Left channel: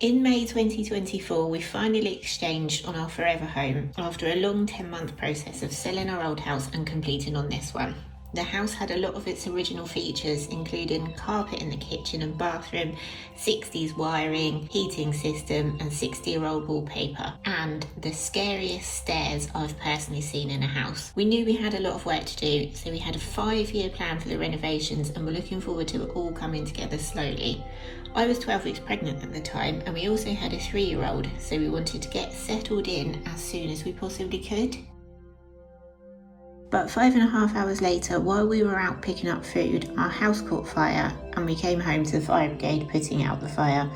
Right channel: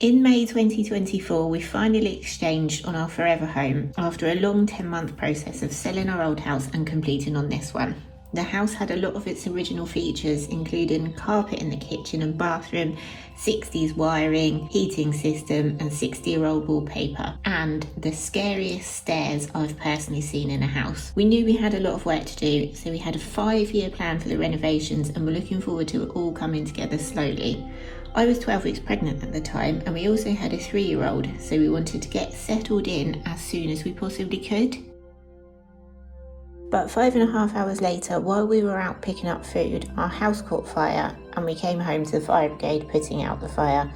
In May 2024, we finally exchanged on our forever home after a long 10-month process of selling our old house and completing on this one. The house had a lot of its original features, including carpet in the kitchen and bathroom, 60s wiring, heating system and 60-year-old wallpaper, and the scariest stairs I've personally seen in a house. We knew we had a lot of work to do, so we had a 5-year plan for the renovations and were looking forward to it all coming together slowly. I was 12 weeks pregnant at the time, and we also had a 3-year-old, so we wanted to get settled in as soon as we possibly could. But 5.5 hours later, while we were out picking up food, our house caught fire and we came home to the fire brigade putting out the fire.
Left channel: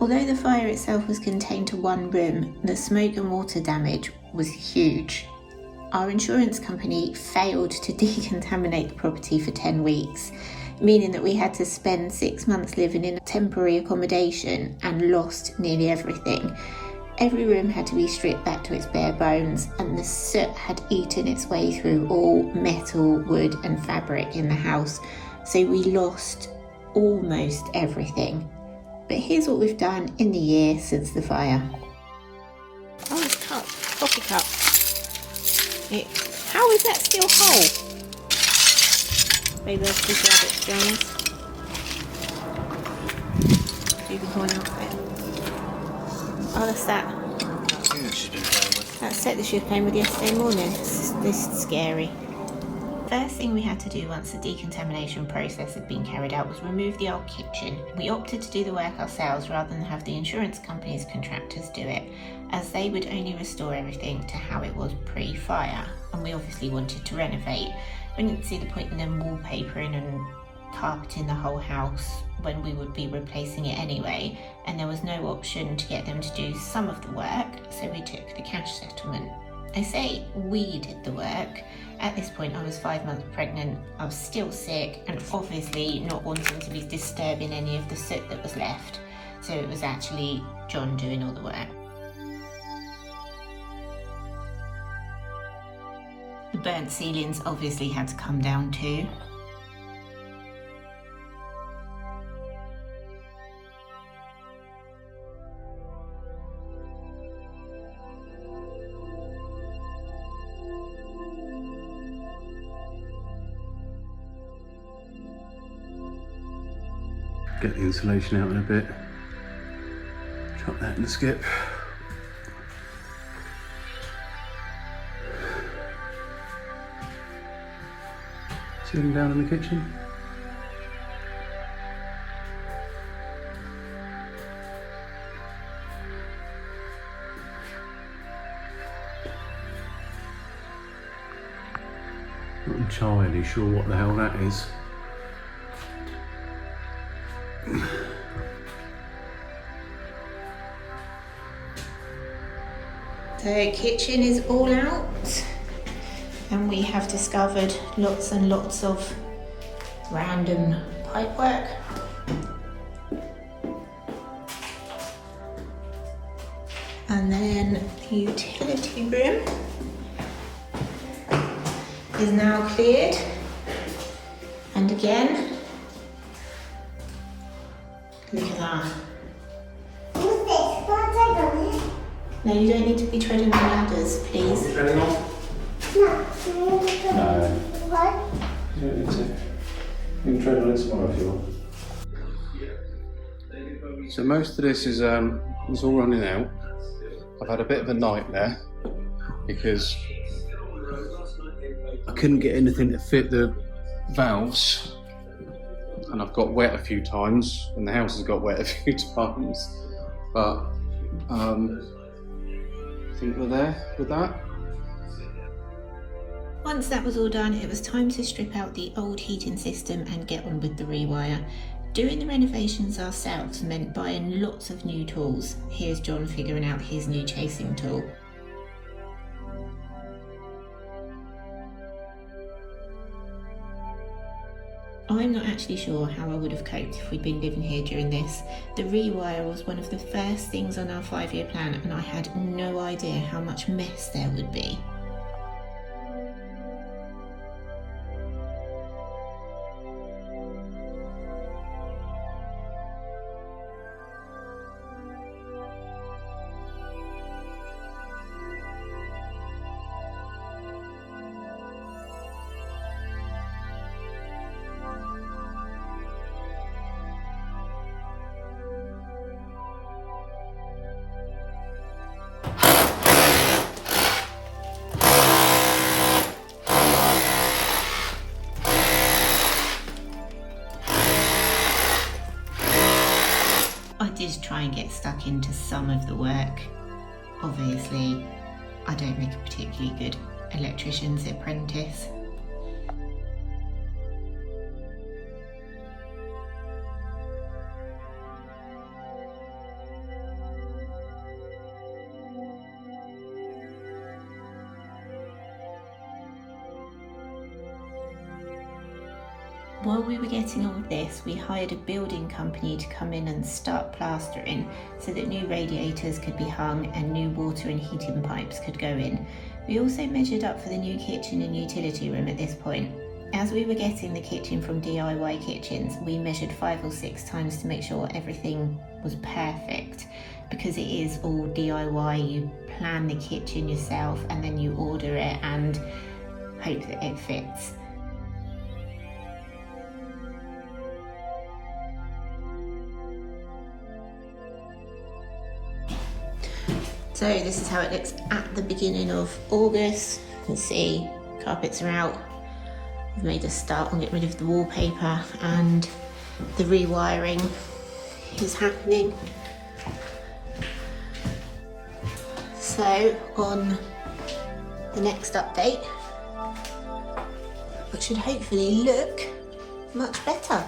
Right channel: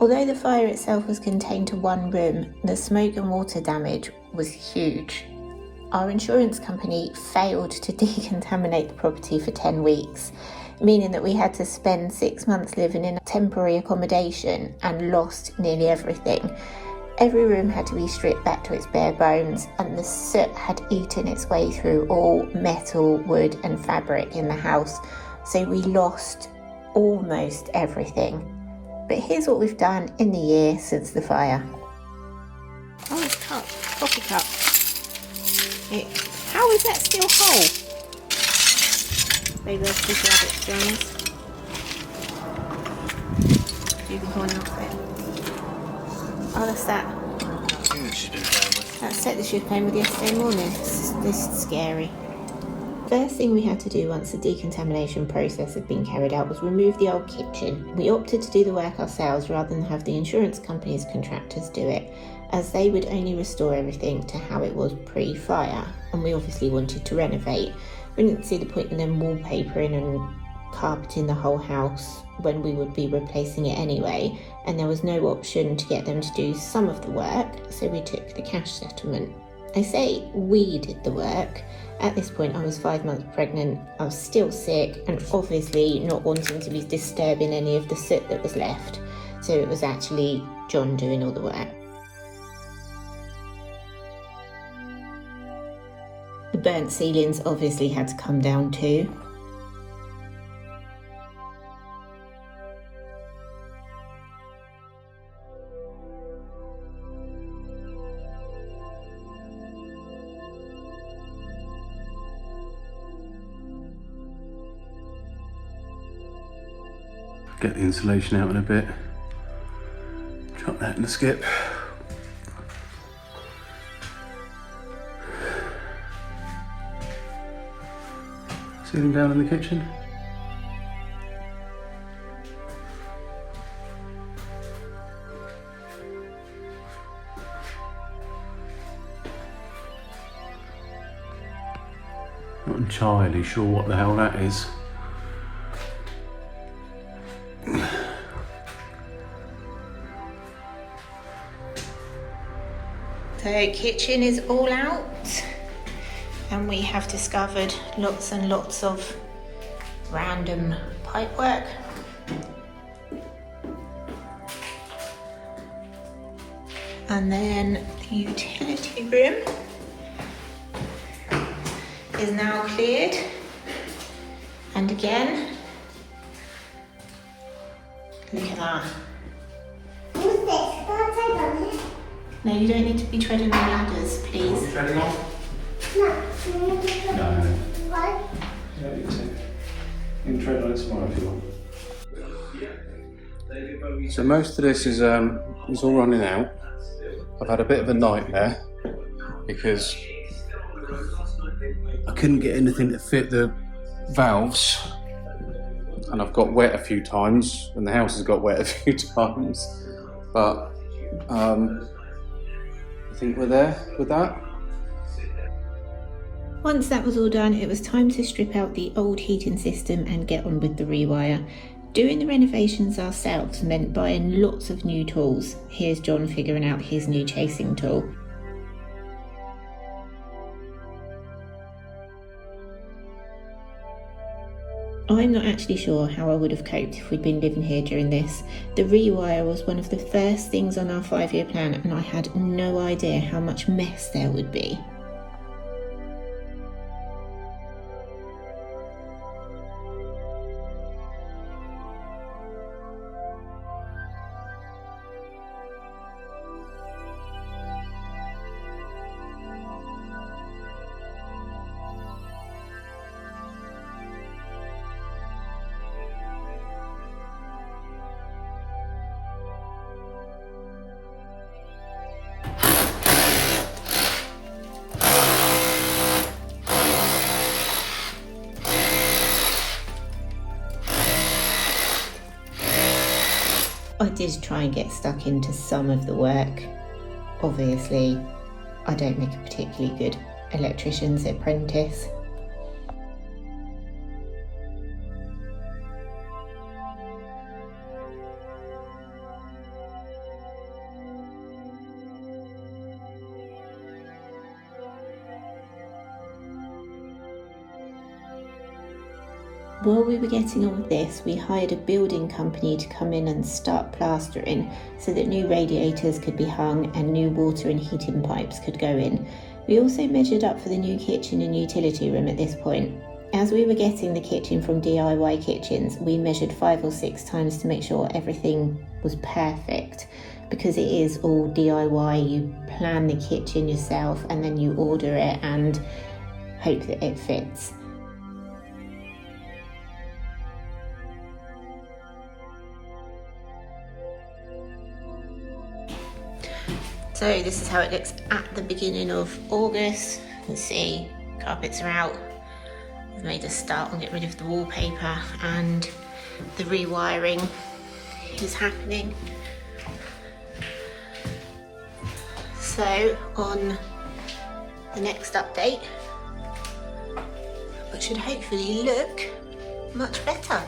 Although the fire itself was contained to one room, the smoke and water damage was huge. Our insurance company failed to decontaminate the property for 10 weeks, meaning that we had to spend 6 months living in temporary accommodation and lost nearly everything. Every room had to be stripped back to its bare bones, and the soot had eaten its way through all metal, wood and fabric in the house, so we lost almost everything. But here's what we've done in the year since the fire. Oh, it's cup, coffee cup. How is that still whole? Maybe let's just grab it, to be honest. Unicorn outfit. Oh, that's that. That set that she was playing with yesterday morning. This is scary. First thing we had to do once the decontamination process had been carried out was remove the old kitchen. We opted to do the work ourselves rather than have the insurance company's contractors do it, as they would only restore everything to how it was pre-fire, and we obviously wanted to renovate. We didn't see the point in them wallpapering and carpeting the whole house when we would be replacing it anyway, and there was no option to get them to do some of the work, so we took the cash settlement. I say we did the work. At this point I was 5 months pregnant, I was still sick and obviously not wanting to be disturbing any of the soot that was left, so it was actually John doing all the work. The burnt ceilings obviously had to come down too. Get the insulation out in a bit. Drop that in the skip. Ceiling down in the kitchen. Not entirely sure what the hell that is. So kitchen is all out, and we have discovered lots and lots of random pipework. And then the utility room is now cleared. And again, look at that. No, you don't need to be treading on ladders, please. Treading on? No. What? You don't need to. You can tread on it tomorrow if you want. So most of this is all running out. I've had a bit of a nightmare because I couldn't get anything to fit the valves, and I've got wet a few times, and the house has got wet a few times, but I think we're there with that. Once that was all done, it was time to strip out the old heating system and get on with the rewire. Doing the renovations ourselves meant buying lots of new tools. Here's John figuring out his new chasing tool. I'm not actually sure how I would have coped if we'd been living here during this. The rewire was one of the first things on our 5-year plan, and I had no idea how much mess there would be. I did try and get stuck into some of the work. Obviously, I don't make a particularly good electrician's apprentice. While we were getting all of this, we hired a building company to come in and start plastering so that new radiators could be hung and new water and heating pipes could go in. We also measured up for the new kitchen and utility room at this point. As we were getting the kitchen from DIY Kitchens, we measured 5 or 6 times to make sure everything was perfect, because it is all DIY. You plan the kitchen yourself and then you order it and hope that it fits. So this is how it looks at the beginning of August. You can see carpets are out. I've made a start on getting rid of the wallpaper and the rewiring is happening. So on the next update, it should hopefully look much better.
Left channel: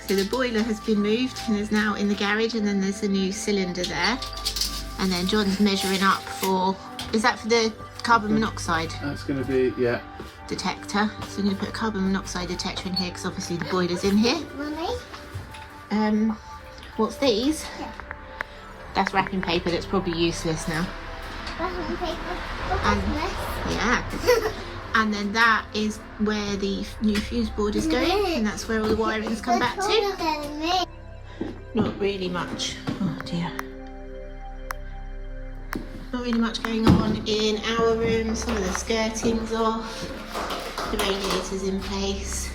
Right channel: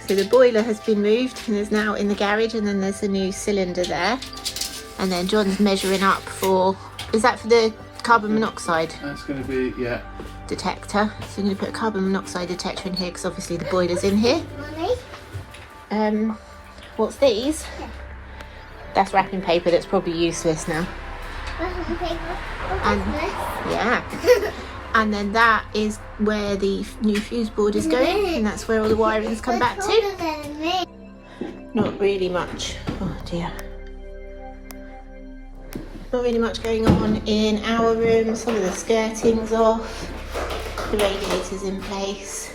So the boiler has been moved and is now in the garage, and then there's a new cylinder there. And then John's measuring up for, is that for the carbon monoxide? That's going to be, yeah. Detector. So I'm going to put a carbon monoxide detector in here because obviously the boiler's in here. What's these? Yeah. That's wrapping paper that's probably useless now. Wrapping paper? And, yeah. And then that is where the new fuse board is going, and that's where all the wiring's come back to. Not really much. Oh dear. Not really much going on in our room. Some of the skirting's off. The radiator's in place.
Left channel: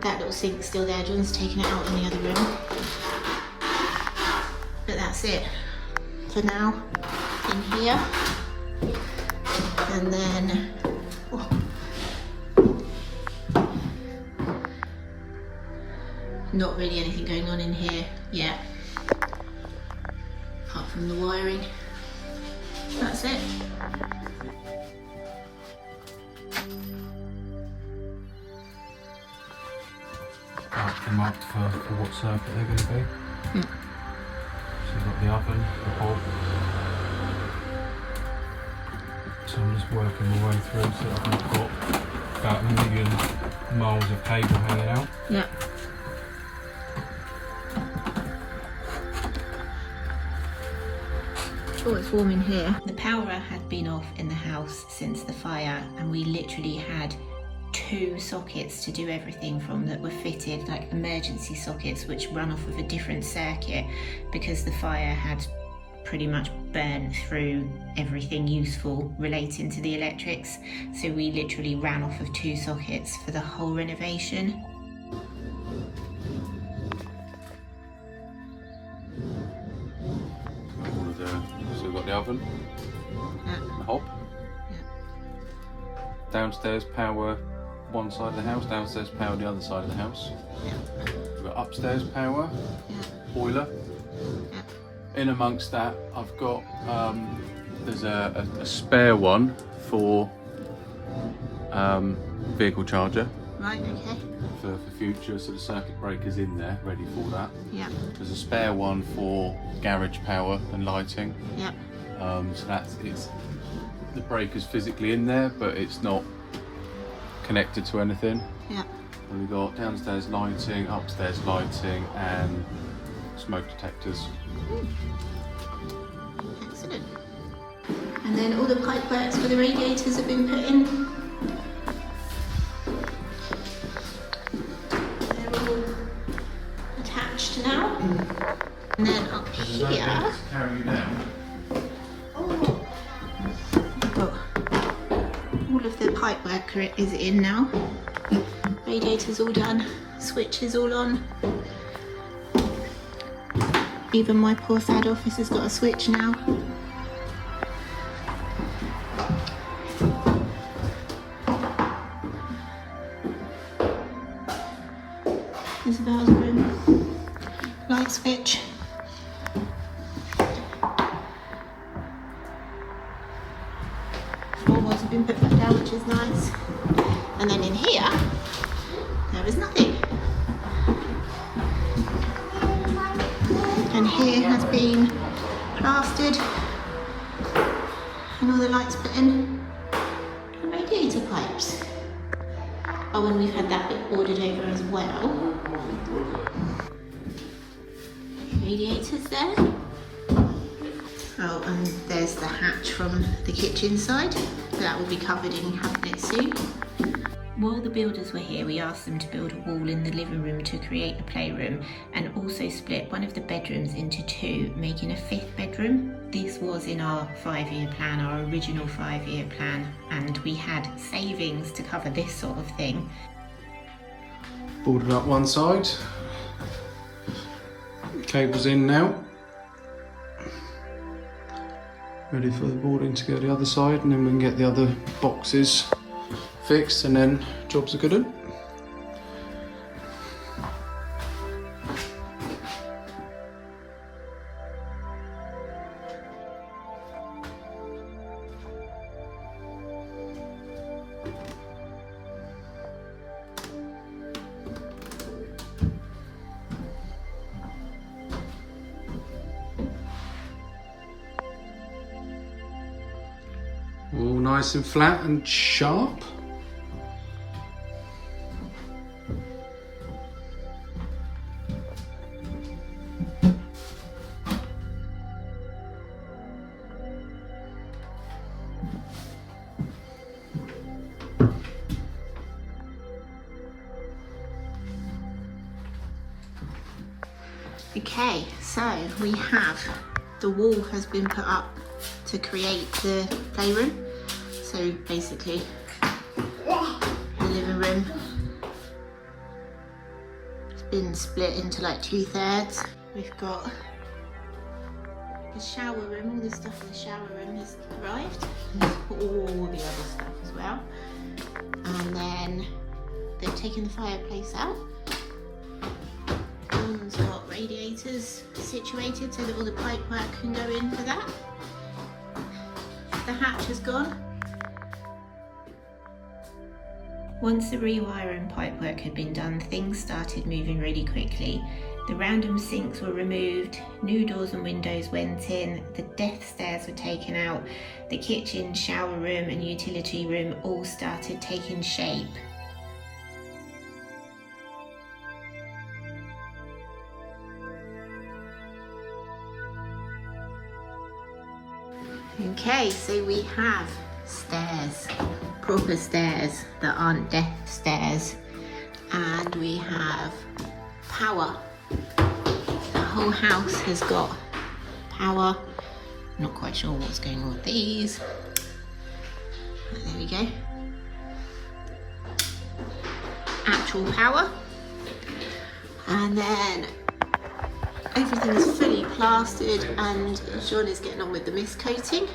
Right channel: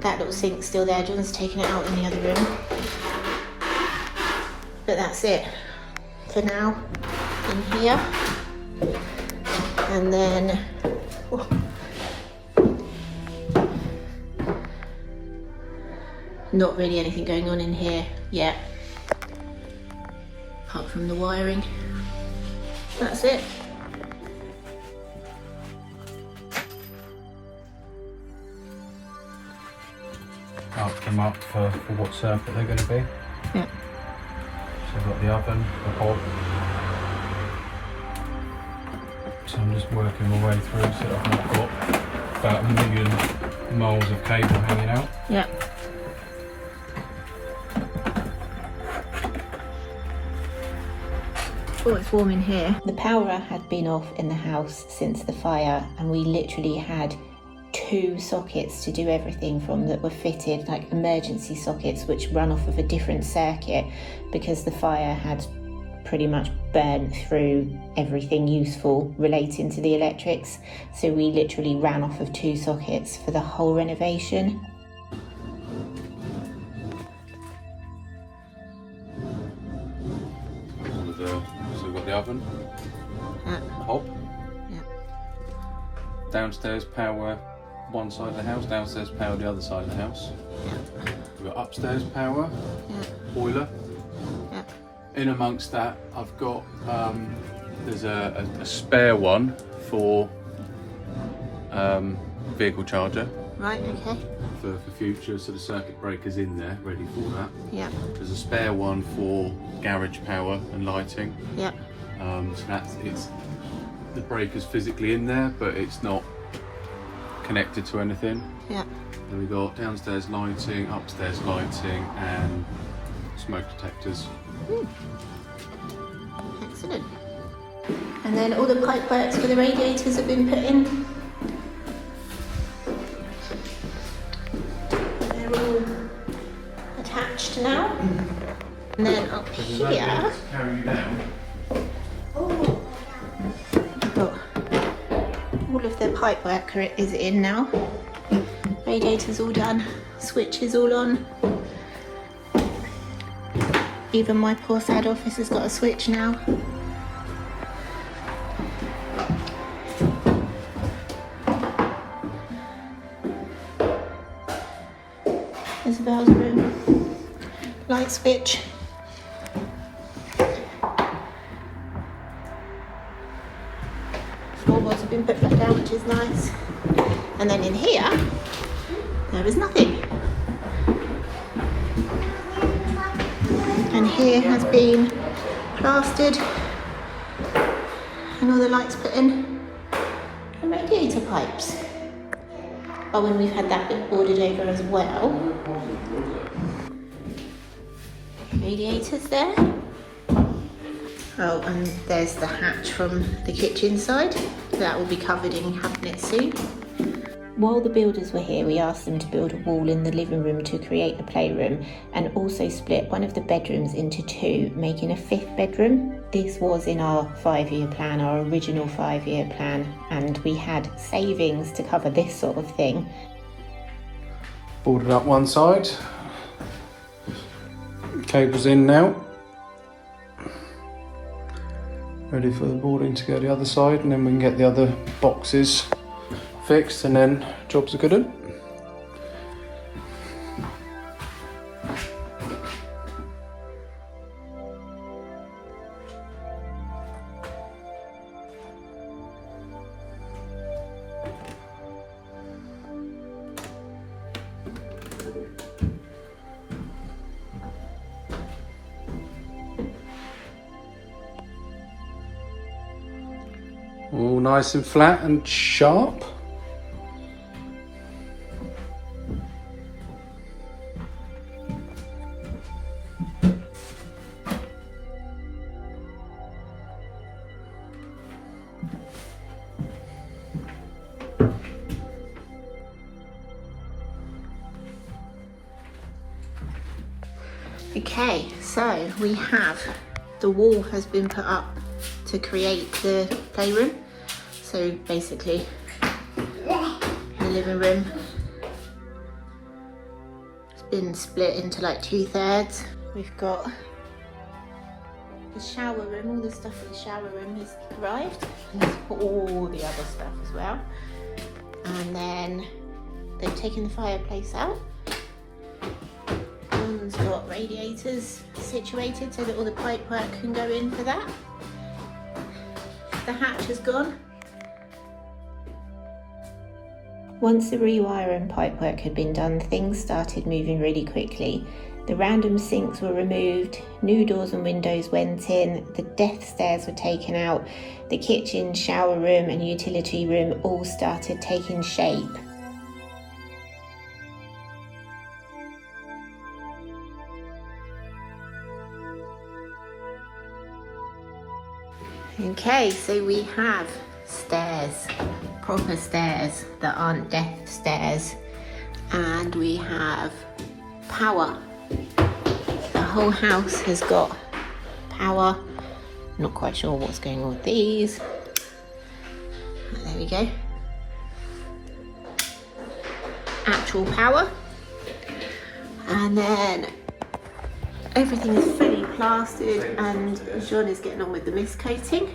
That little sink's still there. John's taken it out in the other room. But that's it for now in here. And then not really anything going on in here yet, apart from the wiring. That's it. Ask them up for what circuit they're going to be. Yeah. So we've got the oven, the hob. So I'm just working my way through so that I've got about 1 million miles of cable hanging out. Yeah. Oh, it's warm in here. The power had been off in the house since the fire, and we literally had 2 sockets to do everything from that were fitted, like emergency sockets which run off of a different circuit because the fire had pretty much burnt through everything useful relating to the electrics. So we literally ran off of 2 sockets for the whole renovation. So we've got the oven, the hob. Yeah. Downstairs power one side of the house, downstairs power the other side of the house. Yeah. We've got upstairs power, Yeah. boiler. Yeah. In amongst that, I've got there's a spare one for vehicle charger Right, okay. for future, so the circuit breaker's in there, ready for that. Yeah. There's a spare one for garage power and lighting. Yeah. So it's the breaker's physically in there, but it's not connected to anything. Yeah. Then we got downstairs lighting, upstairs lighting, and smoke detectors. Excellent. And then all the pipe works for the radiators have been put in. They're all attached now. And then up here, Carry you down. we've got all of the pipe work is in now. Radiators all done, switches all on. Even my poor sad office has got a switch now. Isabel's room. Light switch. Floorboards have been put back down, which is nice. And then in here, there is nothing. And here has been plastered and all the lights put in and radiator pipes. Oh, and we've had that bit boarded over as well. Radiators there. Oh, and there's the hatch from the kitchen side. That will be covered in cabinets soon. While the builders were here, we asked them to build a wall in the living room to create a playroom and also split one of the bedrooms into two, making a 5th bedroom. This was in our 5-year plan, our original 5-year plan, and we had savings to cover this sort of thing. Boarded up one side. Cables in now. Ready for the boarding to go the other side, and then we can get the other boxes fixed, and then jobs are good. All nice and flat and sharp. Okay, so we have, the wall has been put up to create the playroom. So basically, the living room has been split into like 2/3. We've got the shower room, all the stuff in the shower room has arrived, and there's all the other stuff as well. And then they've taken the fireplace out. John's got radiators situated so that all the pipe work can go in for that. The hatch has gone. Once the rewiring pipework had been done, things started moving really quickly. The random sinks were removed, new doors and windows went in, the death stairs were taken out, the kitchen, shower room and utility room all started taking shape. Okay, so we have stairs, proper stairs that aren't death stairs, and we have power. The whole house has got power. Not quite sure what's going on with these. There we go. Actual power. And then everything is fully plastered and John is getting on with the mist coating.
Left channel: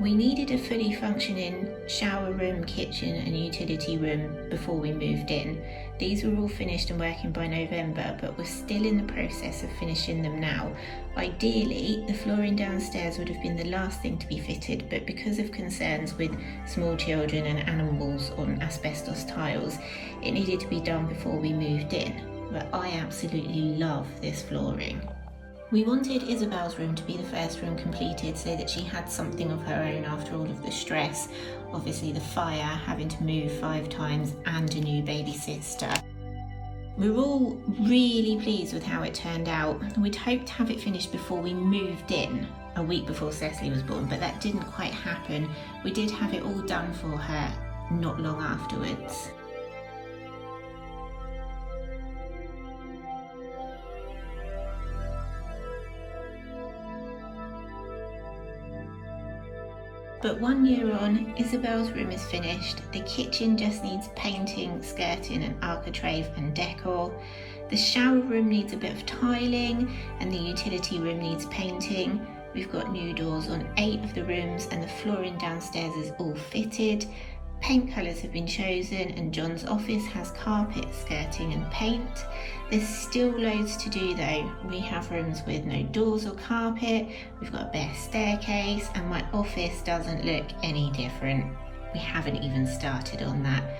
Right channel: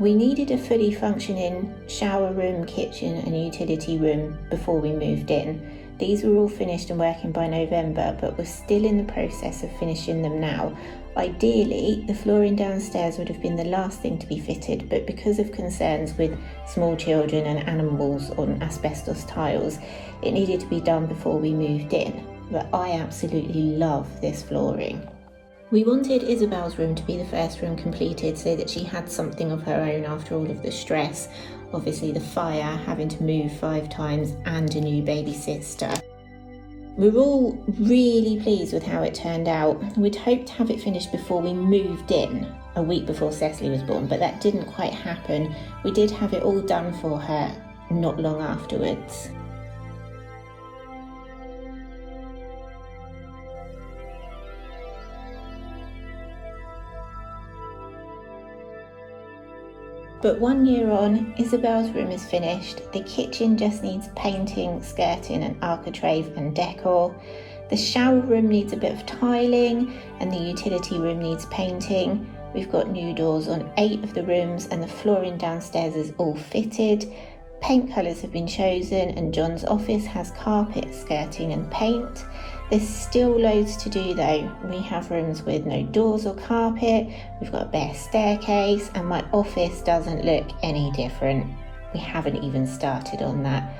We needed a fully functioning shower room, kitchen and utility room before we moved in. These were all finished and working by November, but we're still in the process of finishing them now. Ideally, the flooring downstairs would have been the last thing to be fitted, but because of concerns with small children and animals on asbestos tiles, it needed to be done before we moved in. But I absolutely love this flooring. We wanted Isabel's room to be the first room completed so that she had something of her own after all of the stress. Obviously the fire, having to move 5 times and a new baby sister. We're all really pleased with how it turned out. We'd hoped to have it finished before we moved in, a week before Cecily was born, but that didn't quite happen. We did have it all done for her not long afterwards. But 1 year on, Isabel's room is finished. The kitchen just needs painting, skirting and architrave and decor. The shower room needs a bit of tiling and the utility room needs painting. We've got new doors on 8 of the rooms and the flooring downstairs is all fitted. Paint colours have been chosen and John's office has carpet, skirting and paint. There's still loads to do though. We have rooms with no doors or carpet, we've got a bare staircase, and my office doesn't look any different. We haven't even started on that.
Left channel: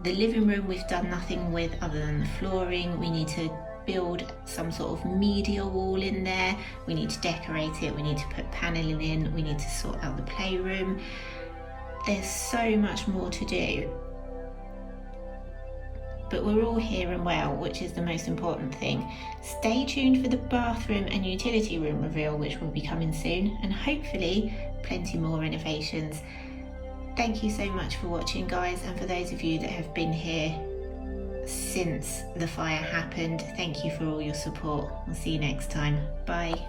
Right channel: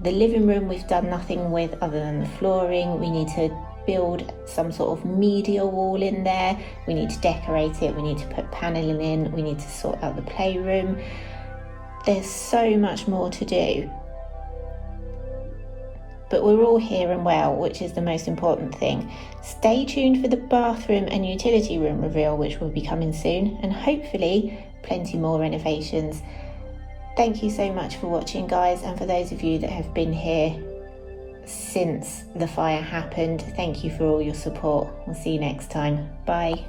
The living room we've done nothing with other than the flooring. We need to build some sort of media wall in there. We need to decorate it. We need to put paneling in. We need to sort out the playroom. There's so much more to do. But we're all here and well, which is the most important thing. Stay tuned for the bathroom and utility room reveal, which will be coming soon, and hopefully plenty more renovations. Thank you so much for watching, guys, and for those of you that have been here since the fire happened, thank you for all your support. I'll see you next time. Bye.